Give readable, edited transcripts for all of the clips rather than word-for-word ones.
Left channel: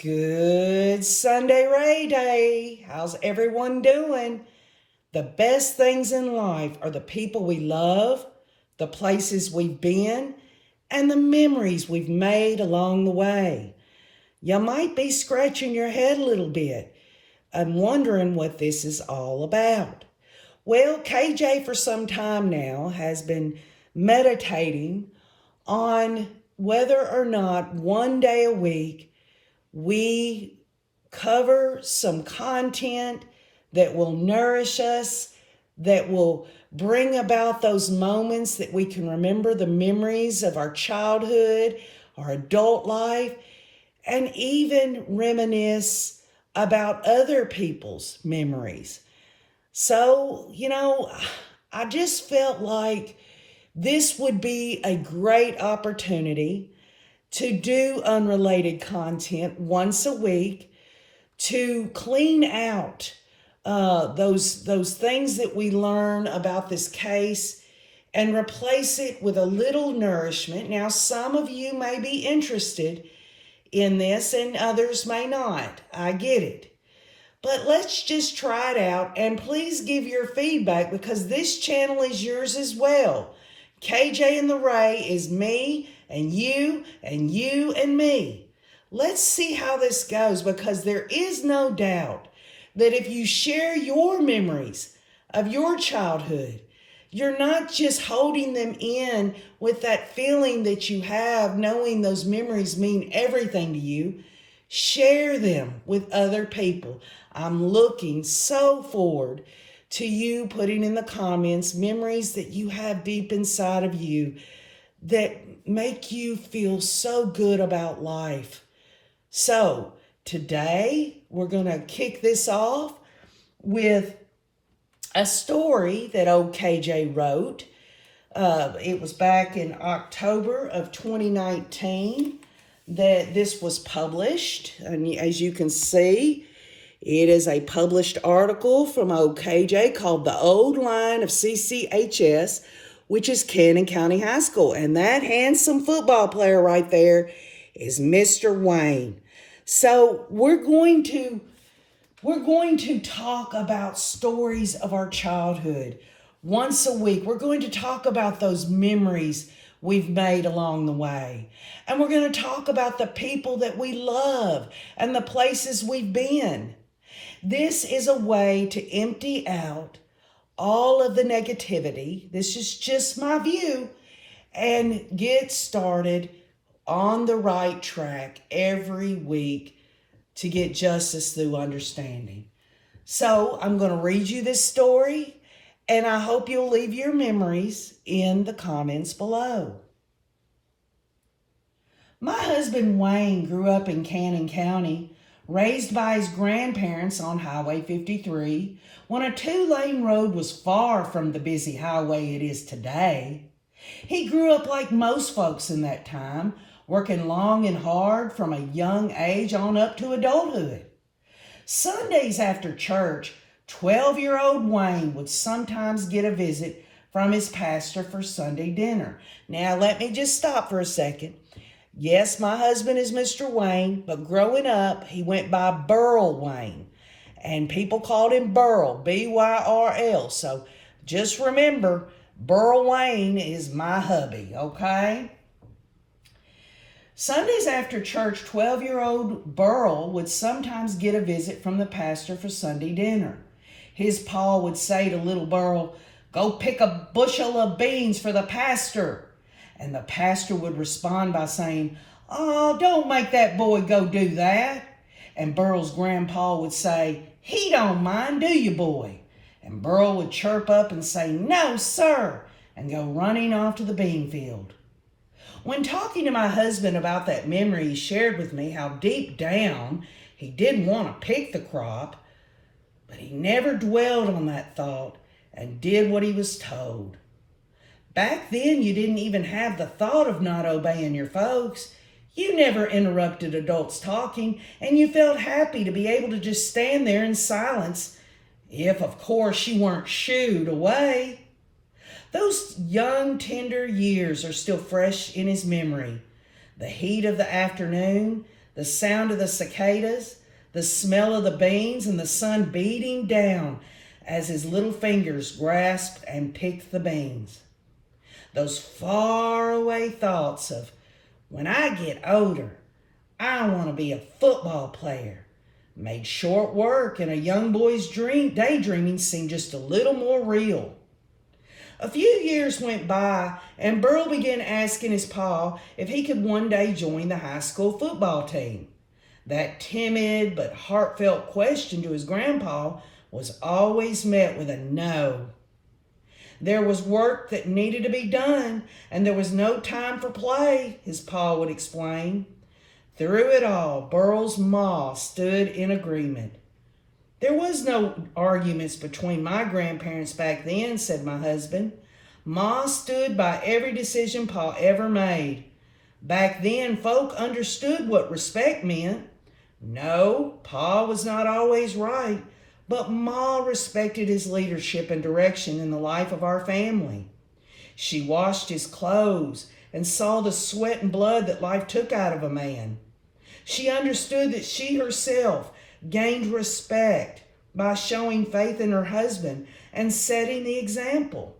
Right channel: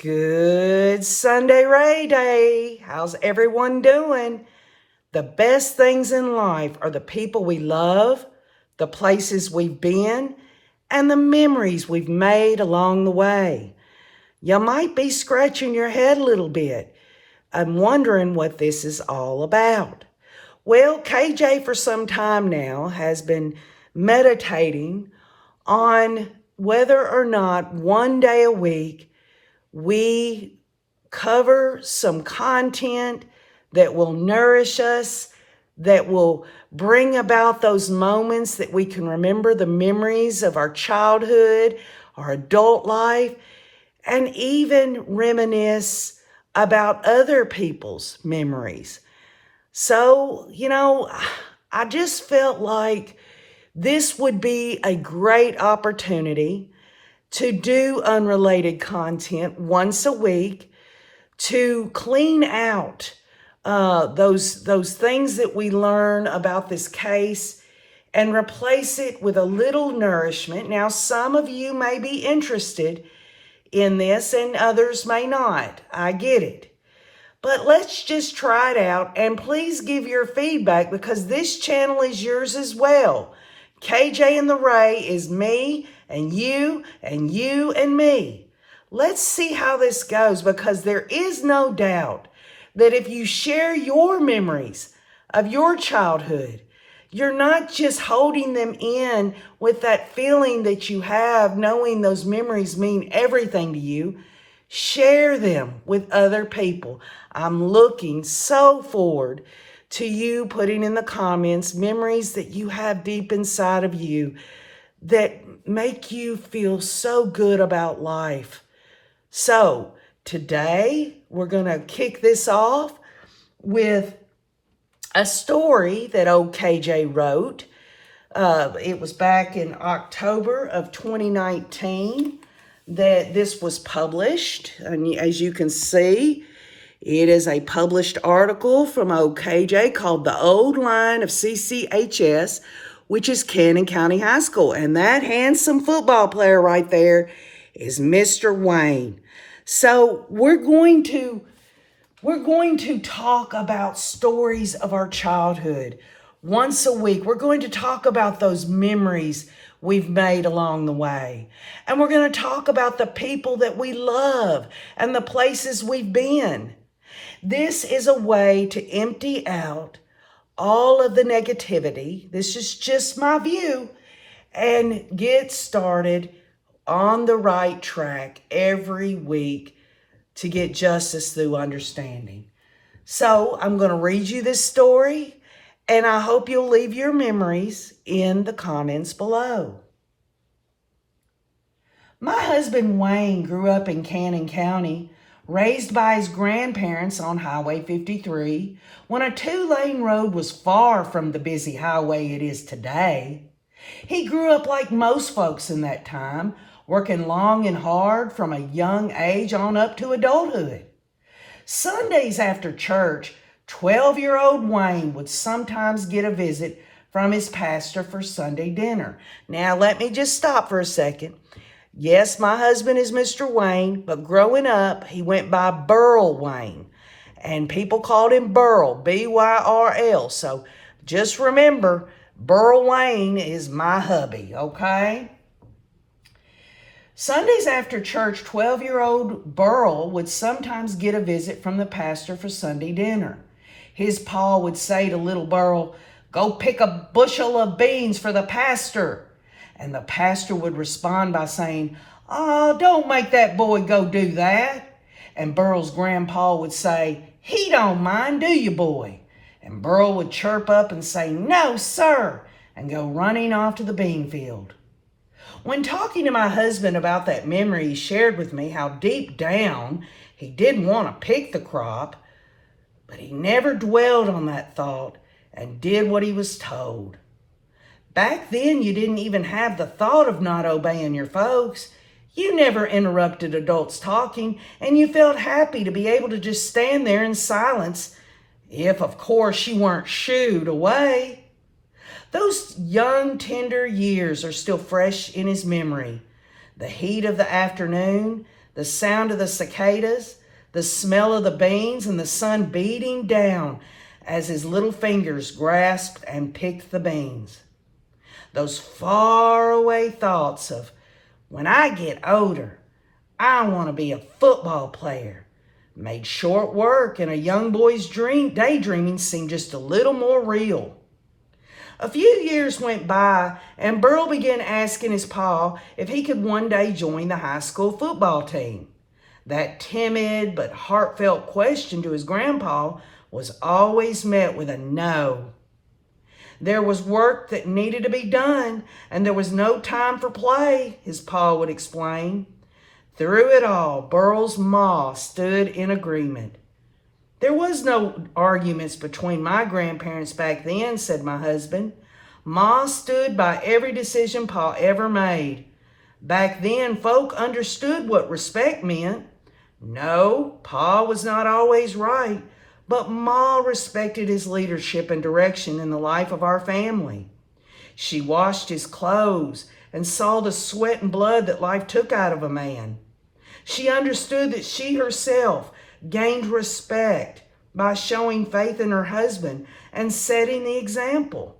Good Sunday Ray Day. How's everyone doing? The best things in life are the people we love, the places we've been, and the memories we've made along the way. You might be scratching your head a little bit and wondering what this is all about. Well, KJ for some time now has been meditating on whether or not one day a week we cover some content that will nourish us, that will bring about those moments that we can remember the memories of our childhood, our adult life, and even reminisce about other people's memories. So, I just felt like this would be a great opportunity to do unrelated content once a week, to clean out those things that we learn about this case and replace it with a little nourishment. Now, some of you may be interested in this and others may not. I get it. But let's just try it out, and please give your feedback because this channel is yours as well. KJ and the Ray is me and you and you and me. Let's see how this goes, because there is no doubt that if you share your memories of your childhood, you're not just holding them in with that feeling that you have, knowing those memories mean everything to you. Share them with other people. I'm looking so forward to you putting in the comments memories that you have deep inside of you that make you feel so good about life. So today we're going to kick this off with a story that old KJ wrote. It was back in October of 2019 that this was published. And as you can see, it is a published article from old KJ called The Old Line of CCHS, which is Cannon County High School. And that handsome football player right there is Mr. Wayne. So we're going to talk about stories of our childhood once a week. We're going to talk about those memories we've made along the way. And we're going to talk about the people that we love and the places we've been. This is a way to empty out all of the negativity. This is just my view, and get started on the right track every week to get justice through understanding. So I'm going to read you this story, and I hope you'll leave your memories in the comments below. My husband Wayne grew up in Cannon County, raised by his grandparents on Highway 53, when a two-lane road was far from the busy highway it is today. He grew up like most folks in that time, working long and hard from a young age on up to adulthood. Sundays after church, 12-year-old Wayne would sometimes get a visit from his pastor for Sunday dinner. Now, let me just stop for a second. Yes, my husband is Mr. Wayne, but growing up, he went by Burl Wayne. And people called him Burl, B-Y-R-L. So just remember, Burl Wayne is my hubby, okay? Sundays after church, 12-year-old Burl would sometimes get a visit from the pastor for Sunday dinner. His pa would say to little Burl, "Go pick a bushel of beans for the pastor." And the pastor would respond by saying, "Oh, don't make that boy go do that." And Burl's grandpa would say, "He don't mind, do you, boy?" And Burl would chirp up and say, "No, sir," and go running off to the bean field. When talking to my husband about that memory, he shared with me how deep down he didn't want to pick the crop, but he never dwelled on that thought and did what he was told. Back then, you didn't even have the thought of not obeying your folks. You never interrupted adults talking, and you felt happy to be able to just stand there in silence, if, of course, you weren't shooed away. Those young, tender years are still fresh in his memory. The heat of the afternoon, the sound of the cicadas, the smell of the beans, and the sun beating down as his little fingers grasped and picked the beans. Those faraway thoughts of, when I get older, I want to be a football player, made short work and a young boy's daydreaming seem just a little more real. A few years went by, and Burl began asking his pa if he could one day join the high school football team. That timid but heartfelt question to his grandpa was always met with a no. There was work that needed to be done, and there was no time for play, his pa would explain. Through it all, Burl's ma stood in agreement. There was no arguments between my grandparents back then, said my husband. Ma stood by every decision Pa ever made. Back then, folk understood what respect meant. No, Pa was not always right, but Ma respected his leadership and direction in the life of our family. She washed his clothes and saw the sweat and blood that life took out of a man. She understood that she herself gained respect by showing faith in her husband and setting the example.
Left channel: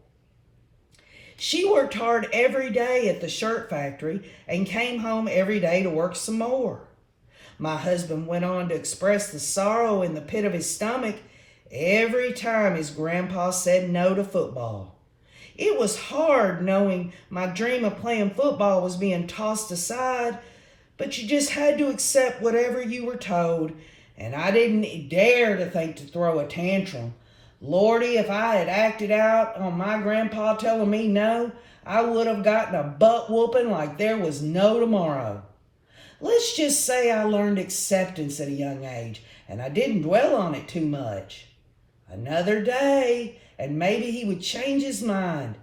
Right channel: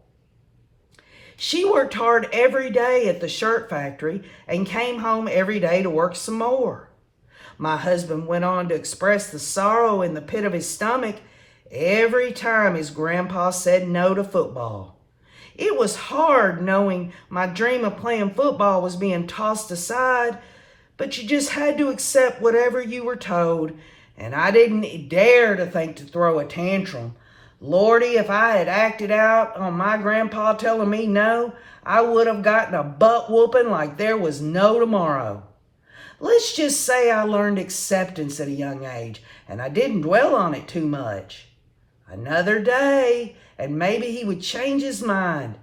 She worked hard every day at the shirt factory and came home every day to work some more. My husband went on to express the sorrow in the pit of his stomach every time his grandpa said no to football. It was hard knowing my dream of playing football was being tossed aside, but you just had to accept whatever you were told, and I didn't dare to think to throw a tantrum. Lordy, if I had acted out on my grandpa telling me no, I would have gotten a butt whooping like there was no tomorrow. Let's just say I learned acceptance at a young age, and I didn't dwell on it too much. Another day, and maybe he would change his mind.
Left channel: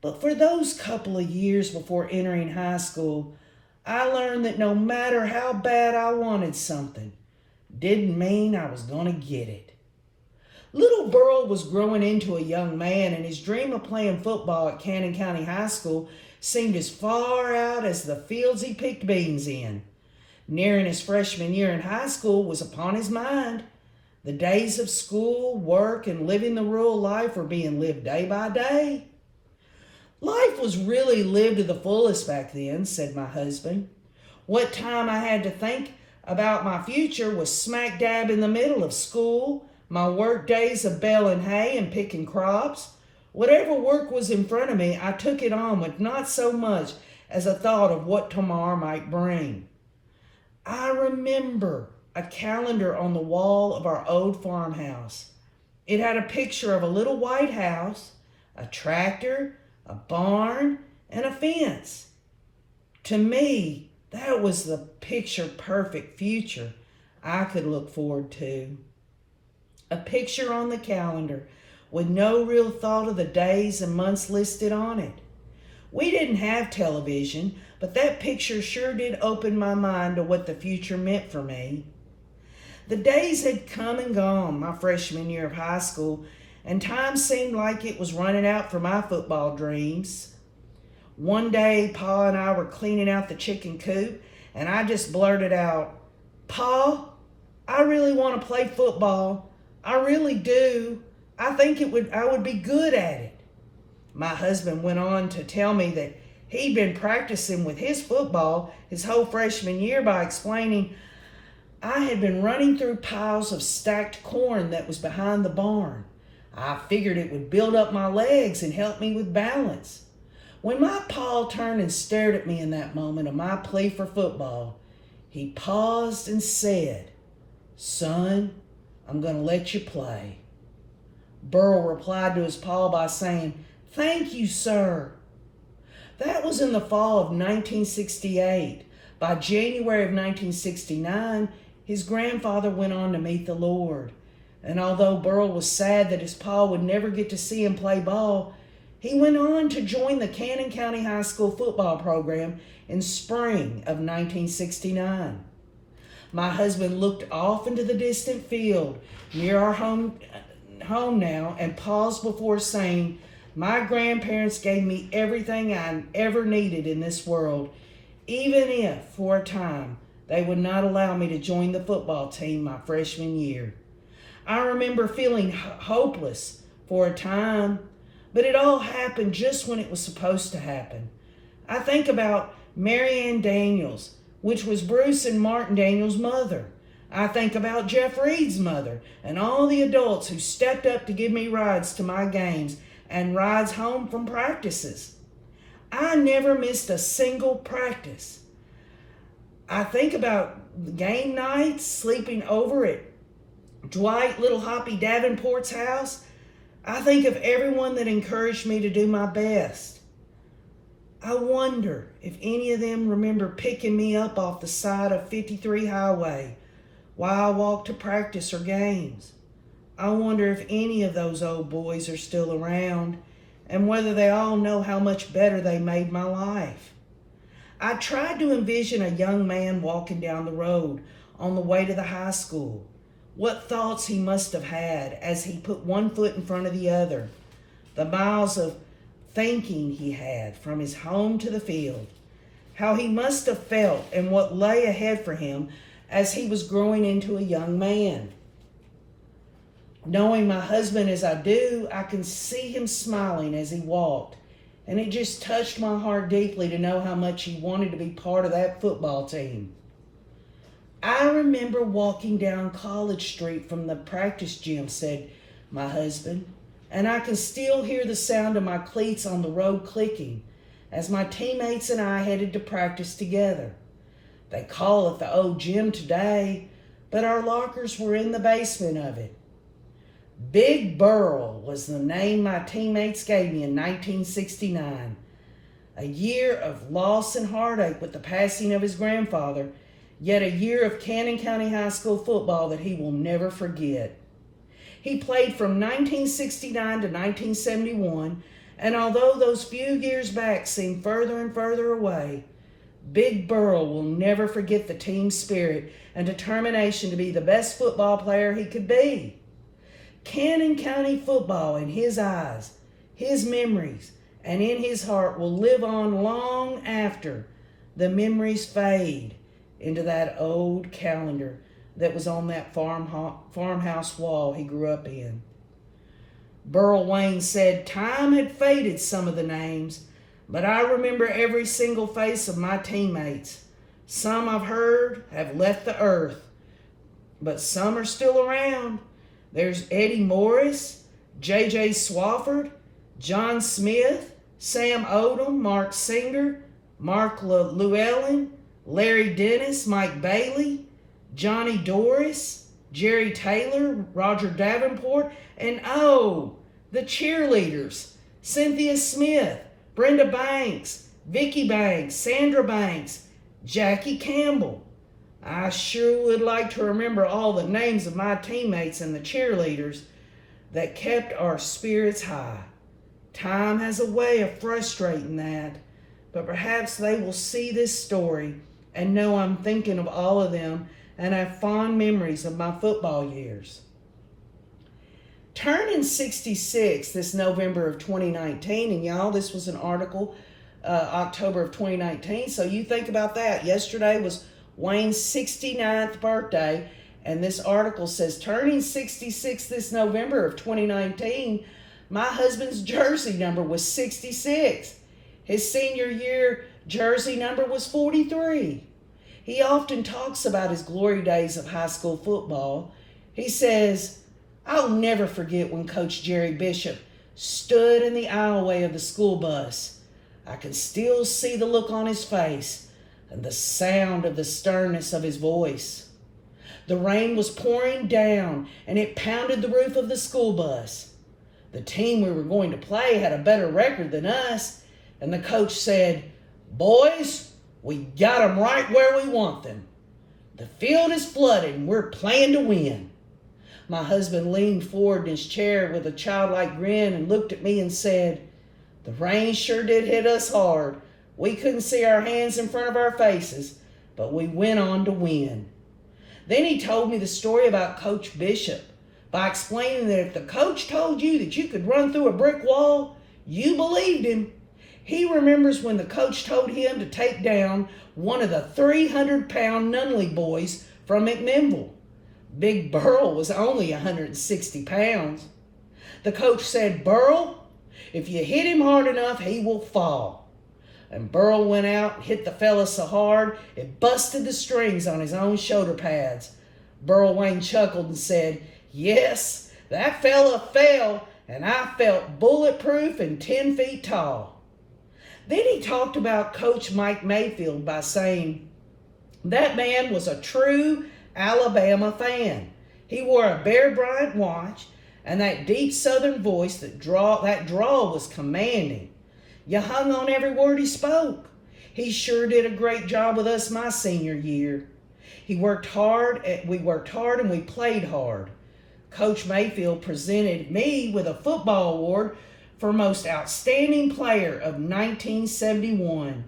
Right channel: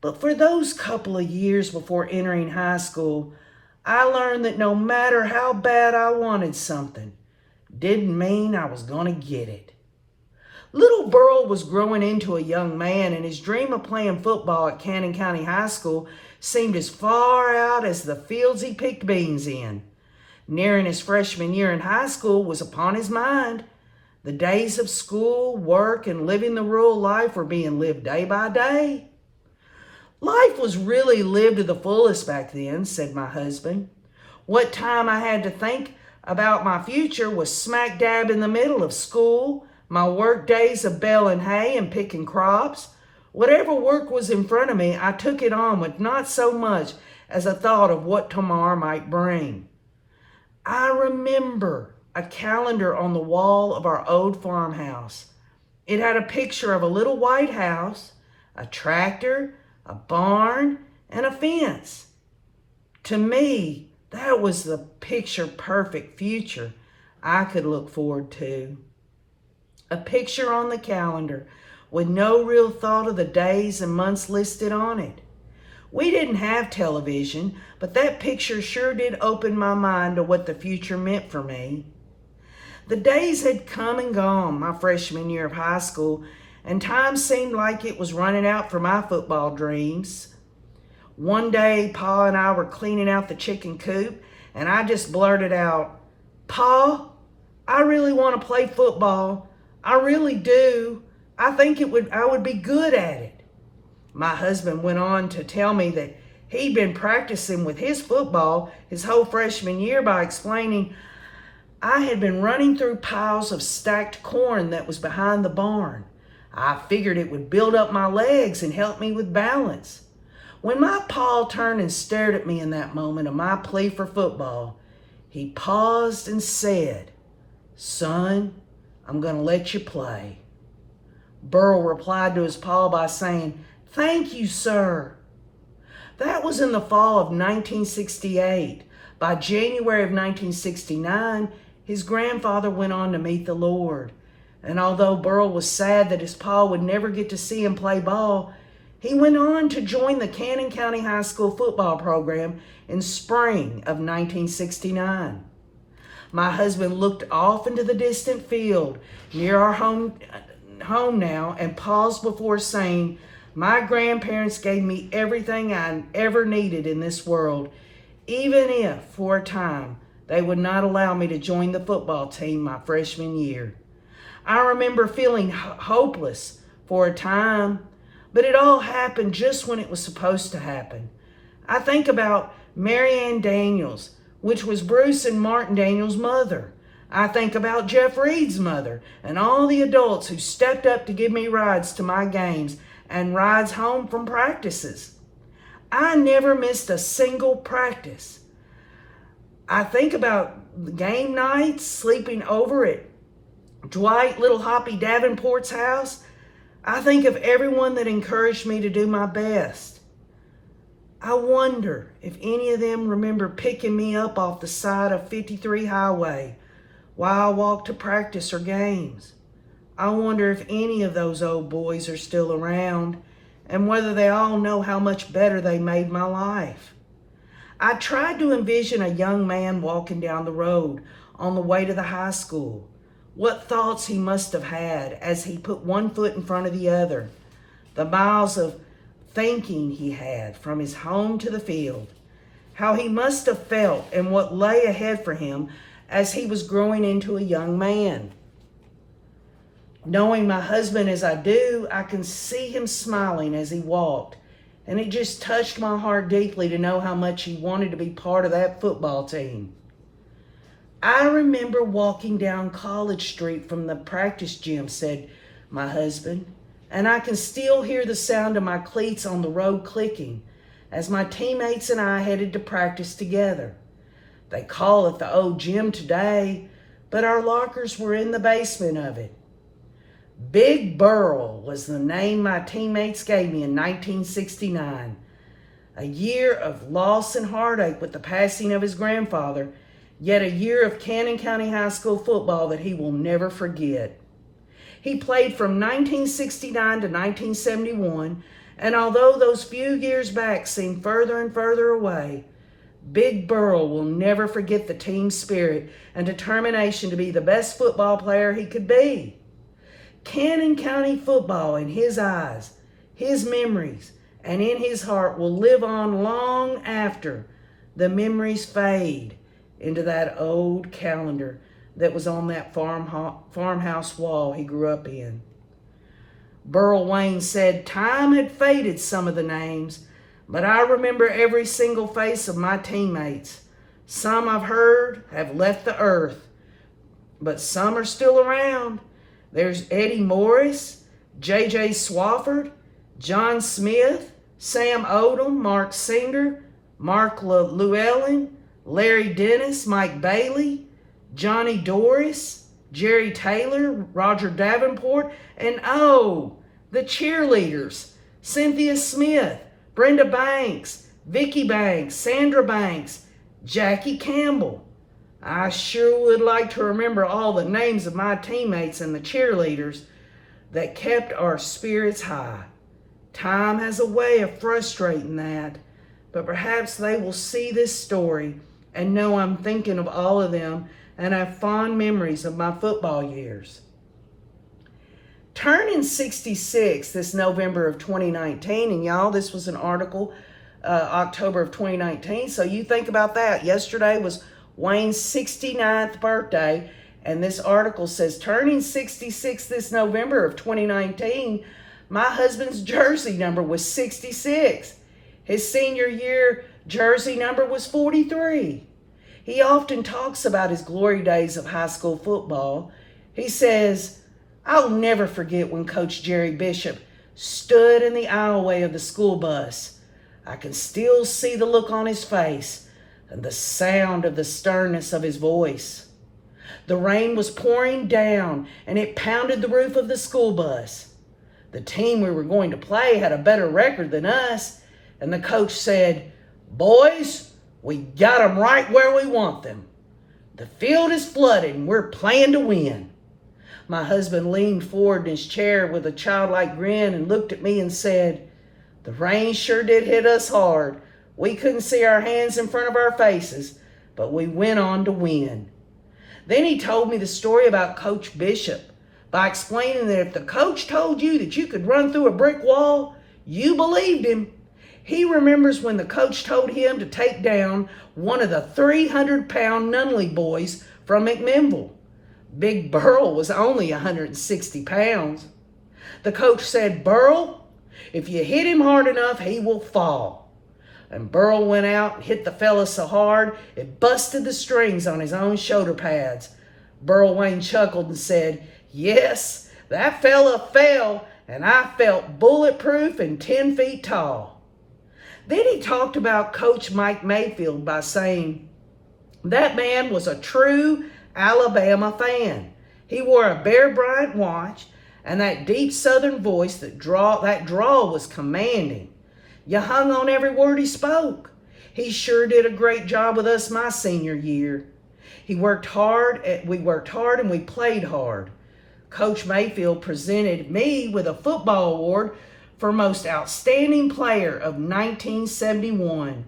But for those couple of years before entering high school, I learned that no matter how bad I wanted something, didn't mean I was going to get it. Little Burl was growing into a young man, and his dream of playing football at Cannon County High School seemed as far out as the fields he picked beans in. Nearing his freshman year in high school was upon his mind. The days of school, work, and living the rural life were being lived day by day. Life was really lived to the fullest back then, said my husband. What time I had to think about my future was smack dab in the middle of school, my work days of baling hay and picking crops. Whatever work was in front of me, I took it on with not so much as a thought of what tomorrow might bring. I remember a calendar on the wall of our old farmhouse. It had a picture of a little white house, a tractor, a barn, and a fence. To me, that was the picture-perfect future I could look forward to. A picture on the calendar with no real thought of the days and months listed on it. We didn't have television, but that picture sure did open my mind to what the future meant for me. The days had come and gone my freshman year of high school, and time seemed like it was running out for my football dreams. One day, Pa and I were cleaning out the chicken coop, and I just blurted out, "Pa, I really want to play football. I really do. I think I would be good at it." My husband went on to tell me that he'd been practicing with his football his whole freshman year by explaining, "I had been running through piles of stacked corn that was behind the barn. I figured it would build up my legs and help me with balance." When my pa turned and stared at me in that moment of my plea for football, he paused and said, "Son, I'm going to let you play." Burl replied to his pa by saying, "Thank you, sir." That was in the fall of 1968. By January of 1969, his grandfather went on to meet the Lord. And although Burl was sad that his pa would never get to see him play ball, he went on to join the Cannon County High School football program in spring of 1969. My husband looked off into the distant field near our home now and paused before saying, "My grandparents gave me everything I ever needed in this world, even if, for a time, they would not allow me to join the football team my freshman year. I remember feeling hopeless for a time, but it all happened just when it was supposed to happen. I think about Marianne Daniels, which was Bruce and Martin Daniels' mother. I think about Jeff Reed's mother and all the adults who stepped up to give me rides to my games and rides home from practices. I never missed a single practice. I think about the game nights, sleeping over at Dwight Little Hoppy Davenport's house. I think of everyone that encouraged me to do my best. I wonder if any of them remember picking me up off the side of 53 Highway while I walked to practice or games. I wonder if any of those old boys are still around and whether they all know how much better they made my life. I tried to envision a young man walking down the road on the way to the high school. What thoughts he must have had as he put one foot in front of the other. The miles of thinking he had from his home to the field. How he must have felt and what lay ahead for him as he was growing into a young man. Knowing my husband as I do, I can see him smiling as he walked, and it just touched my heart deeply to know how much he wanted to be part of that football team. I remember walking down College Street from the practice gym, said my husband, and I can still hear the sound of my cleats on the road clicking as my teammates and I headed to practice together. They call it the old gym today, but our lockers were in the basement of it. Big Burl was the name my teammates gave me in 1969. A year of loss and heartache with the passing of his grandfather, yet a year of Cannon County High School football that he will never forget. He played from 1969 to 1971, and although those few years back seem further and further away, Big Burl will never forget the team spirit and determination to be the best football player he could be. Cannon County football in his eyes, his memories, and in his heart will live on long after the memories fade into that old calendar that was on that farmhouse wall he grew up in. Burl Wayne said, "Time had faded some of the names, but I remember every single face of my teammates. Some I've heard have left the earth, but some are still around. There's Eddie Morris, J.J. Swafford, John Smith, Sam Odom, Mark Singer, Mark Llewellyn, Larry Dennis, Mike Bailey, Johnny Doris, Jerry Taylor, Roger Davenport, and the cheerleaders, Cynthia Smith, Brenda Banks, Vicky Banks, Sandra Banks, Jackie Campbell. I sure would like to remember all the names of my teammates and the cheerleaders that kept our spirits high. Time has a way of frustrating that, but perhaps they will see this story and know I'm thinking of all of them and have fond memories of my football years. Turning 66 this November of 2019, and y'all, this was an article October of 2019, so you think about that. Yesterday was Wayne's 69th birthday, and this article says, turning 66 this November of 2019, my husband's jersey number was 66. His senior year jersey number was 43. He often talks about his glory days of high school football. He says, "I'll never forget when Coach Jerry Bishop stood in the aisleway of the school bus. I can still see the look on his face and the sound of the sternness of his voice. The rain was pouring down and it pounded the roof of the school bus. The team we were going to play had a better record than us, and the coach said, 'Boys, we got them right where we want them. The field is flooded and we're playing to win.' My husband leaned forward in his chair with a childlike grin and looked at me and said, 'The rain sure did hit us hard. We couldn't see our hands in front of our faces, but we went on to win.' Then he told me the story about Coach Bishop by explaining that if the coach told you that you could run through a brick wall, you believed him. He remembers when the coach told him to take down one of the 300-pound Nunley boys from McMinnville. Big Burl was only 160 pounds. The coach said, "Burl, if you hit him hard enough, he will fall." And Burl went out and hit the fella so hard, it busted the strings on his own shoulder pads. Burl Wayne chuckled and said, "Yes, that fella fell, and I felt bulletproof and 10 feet tall." Then he talked about Coach Mike Mayfield by saying, "That man was a true Alabama fan. He wore a Bear Bryant watch, and that deep Southern voice, that drawl was commanding. You hung on every word he spoke. He sure did a great job with us my senior year. We worked hard and we played hard." Coach Mayfield presented me with a football award for Most Outstanding Player of 1971.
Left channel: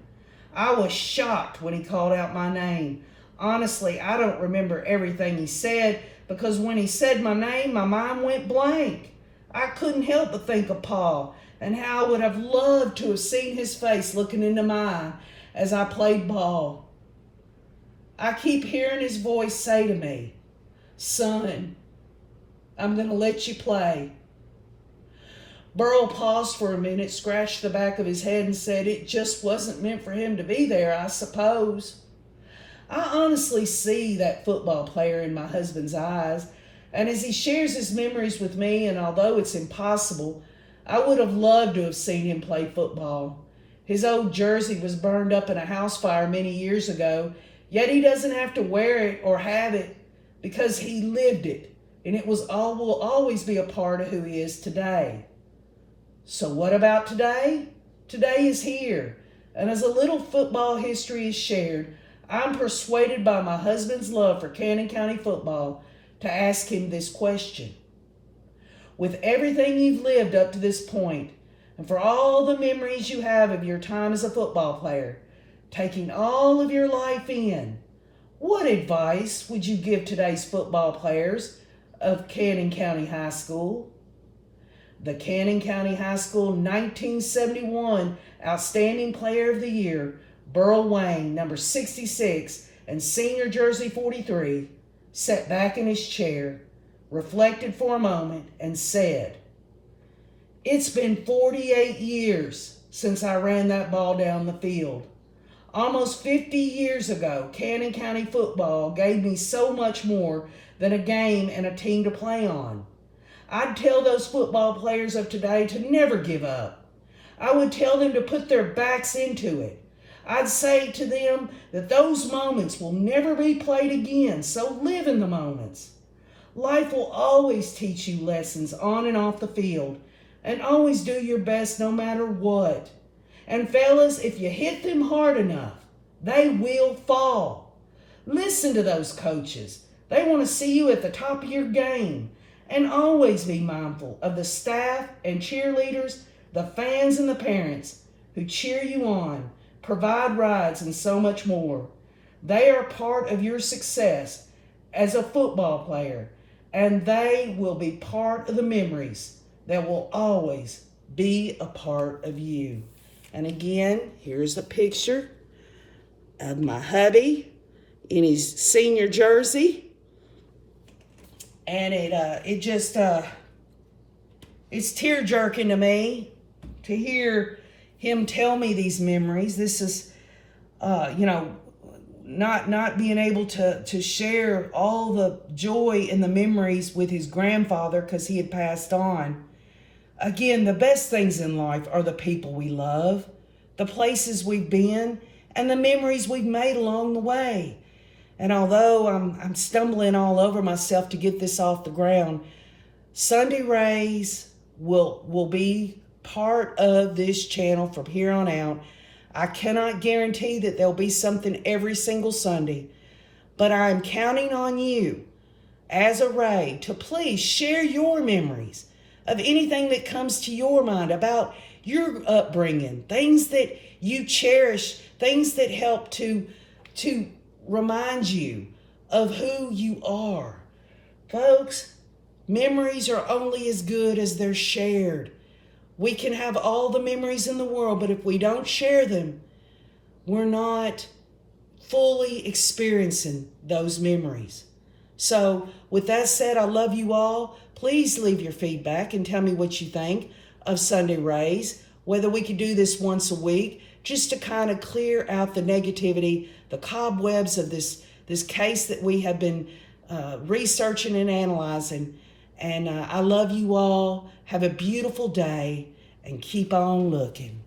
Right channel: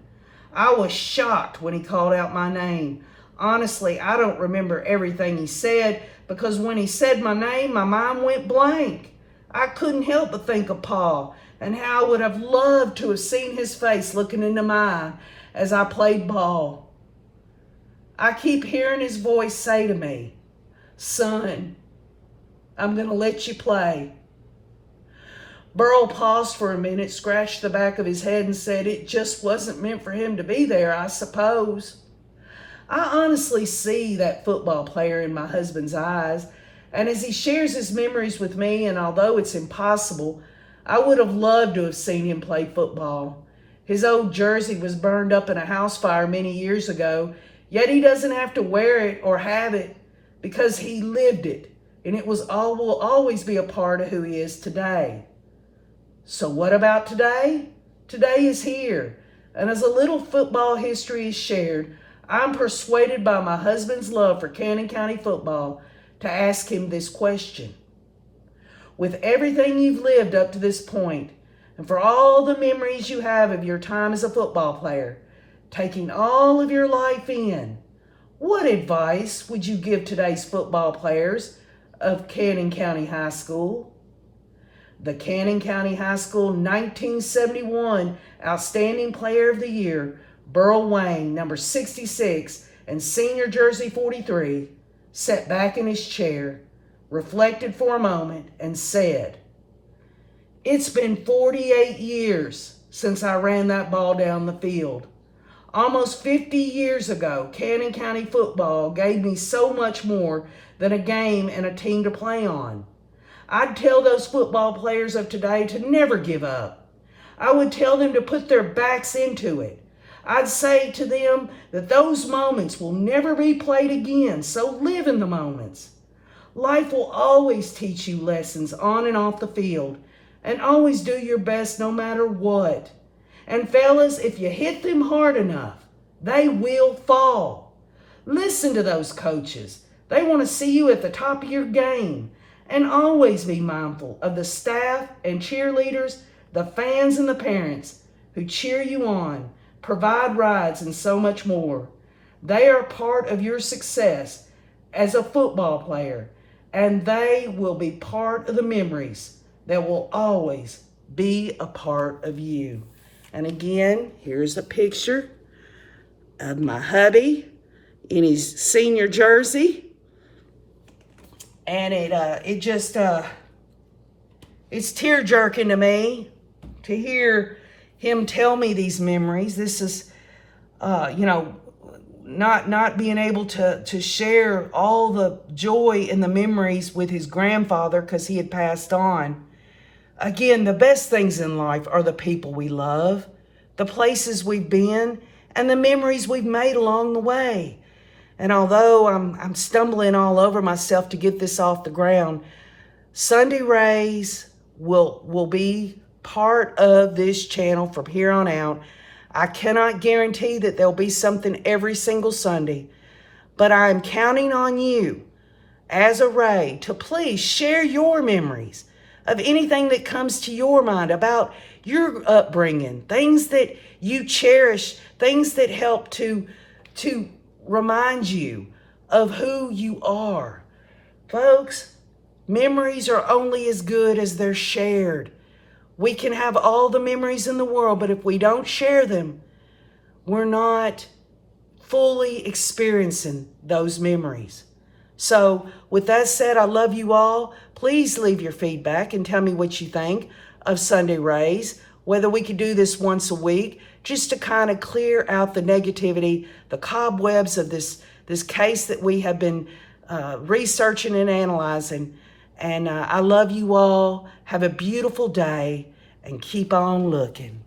I was shocked when he called out my name. Honestly, I don't remember everything he said, because when he said my name, my mind went blank. I couldn't help but think of Pa and how I would have loved to have seen his face looking into mine as I played ball. I keep hearing his voice say to me, "Son, I'm going to let you play." Burl paused for a minute, scratched the back of his head, and said, "It just wasn't meant for him to be there, I suppose." I honestly see that football player in my husband's eyes, and as he shares his memories with me, and although it's impossible, I would have loved to have seen him play football. His old jersey was burned up in a house fire many years ago, yet he doesn't have to wear it or have it because he lived it, and it will always be a part of who he is today. So what about today? Today is here, and as a little football history is shared, I'm persuaded by my husband's love for Cannon County football to ask him this question. With everything you've lived up to this point, and for all the memories you have of your time as a football player, taking all of your life in, what advice would you give today's football players of Cannon County High School? The Cannon County High School 1971 Outstanding Player of the Year, Burl Wayne, number 66, and senior jersey 43, sat back in his chair, reflected for a moment, and said, "It's been 48 years since I ran that ball down the field. Almost 50 years ago, Cannon County football gave me so much more than a game and a team to play on. I'd tell those football players of today to never give up. I would tell them to put their backs into it. I'd say to them that those moments will never be played again, so live in the moments. Life will always teach you lessons on and off the field, and always do your best no matter what. And fellas, if you hit them hard enough, they will fall. Listen to those coaches. They want to see you at the top of your game. And always be mindful of the staff and cheerleaders, the fans and the parents who cheer you on, provide rides, and so much more. They are part of your success as a football player, and they will be part of the memories that will always be a part of you." And again, here's a picture of my hubby in his senior jersey. And it's tear-jerking to me to hear him tell me these memories. This is, not being able to share all the joy and the memories with his grandfather because he had passed on. Again, the best things in life are the people we love, the places we've been, and the memories we've made along the way. And although I'm stumbling all over myself to get this off the ground, Sunday Rays will be part of this channel from here on out. I cannot guarantee that there'll be something every single Sunday, but I'm counting on you as a Ray to please share your memories of anything that comes to your mind about your upbringing, things that you cherish, things that help to remind you of who you are. Folks, memories are only as good as they're shared. We can have all the memories in the world, but if we don't share them, we're not fully experiencing those memories. So with that said, I love you all. Please leave your feedback and tell me what you think of Sunday Rays, whether we could do this once a week, just to kind of clear out the negativity, the cobwebs of this case that we have been researching and analyzing. And I love you all. Have a beautiful day and keep on looking.